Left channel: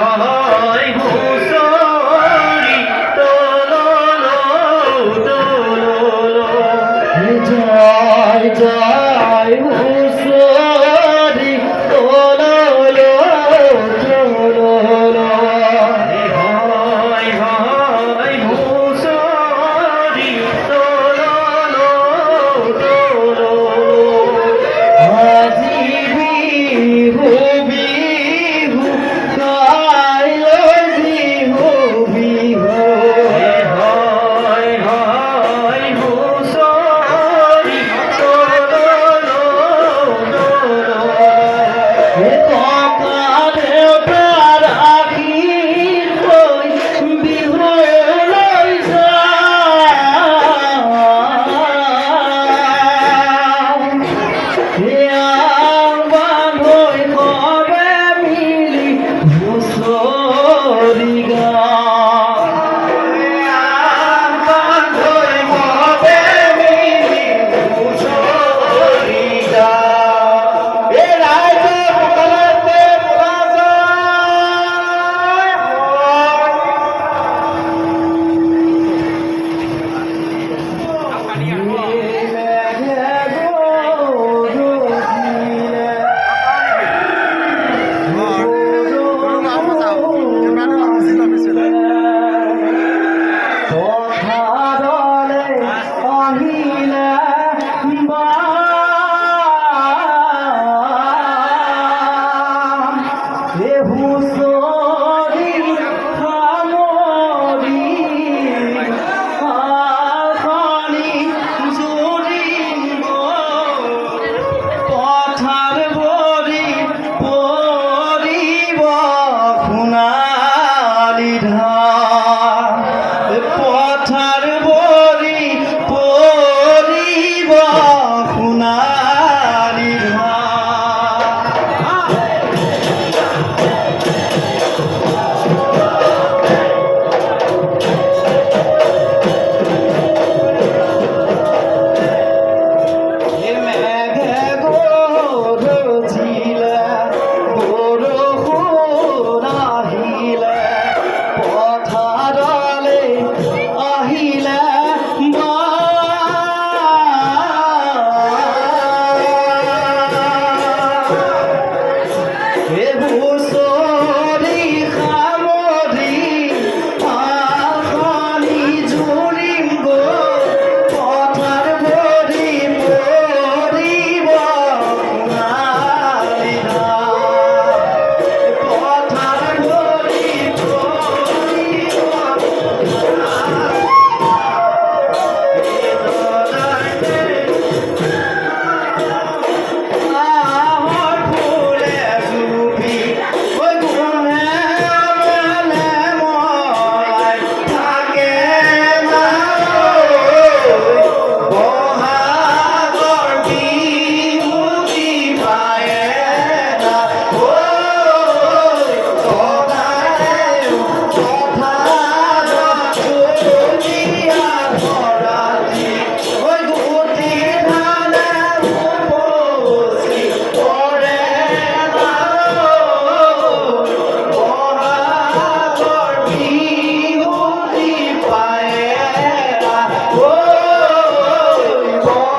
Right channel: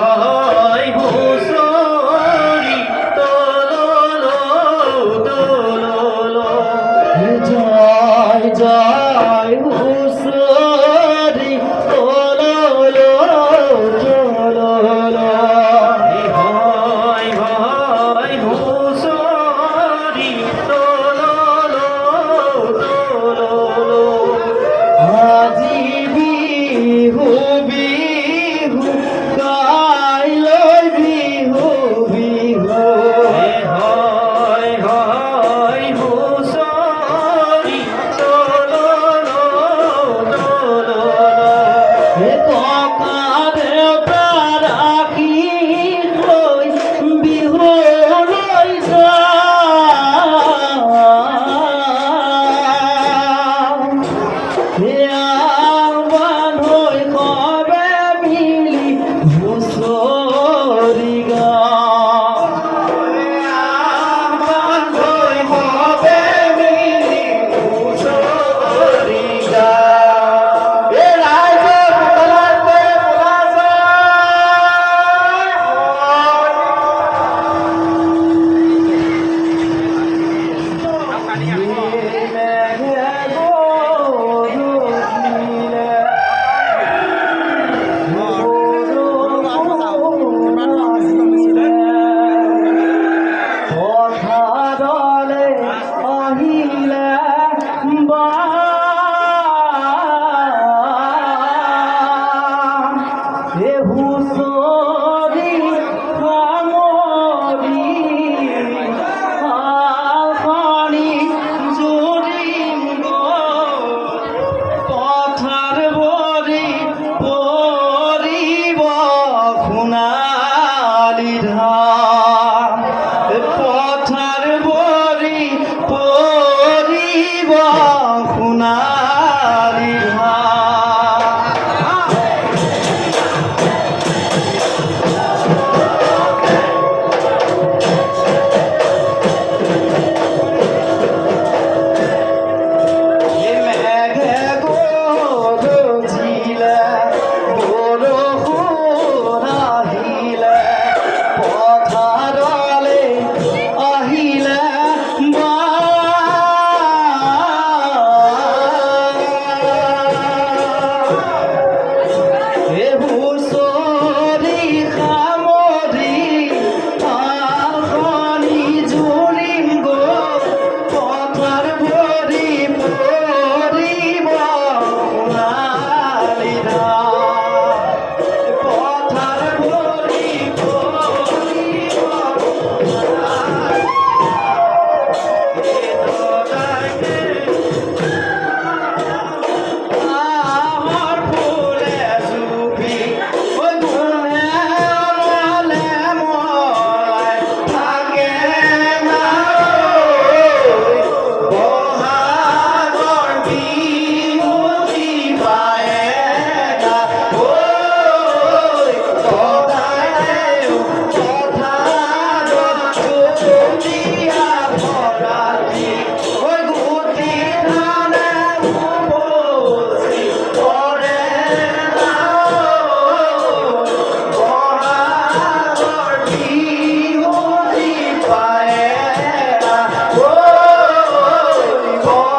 হয় হুঁচৰি তোললো তোললো জয় জয় হুঁচৰি তোললো তোললো হয় হয় হুঁচৰি তোললো তোললো আজি বিহু বিহু গাই বিহু বিহু হয় হয় হুঁচৰি তোললো তোললো ককাৰে ৰাখি থৈ বিহুলৈ বান্ধৈ কবে মিলি হুঁচৰি বান্ধৈ কবে মিলি হুঁচৰি ৰাইজে পুতলাইছে আহিলে হুঁচৰি সামৰি আখনি জুৰিব পথাৰ ভৰি পৰিব শুনা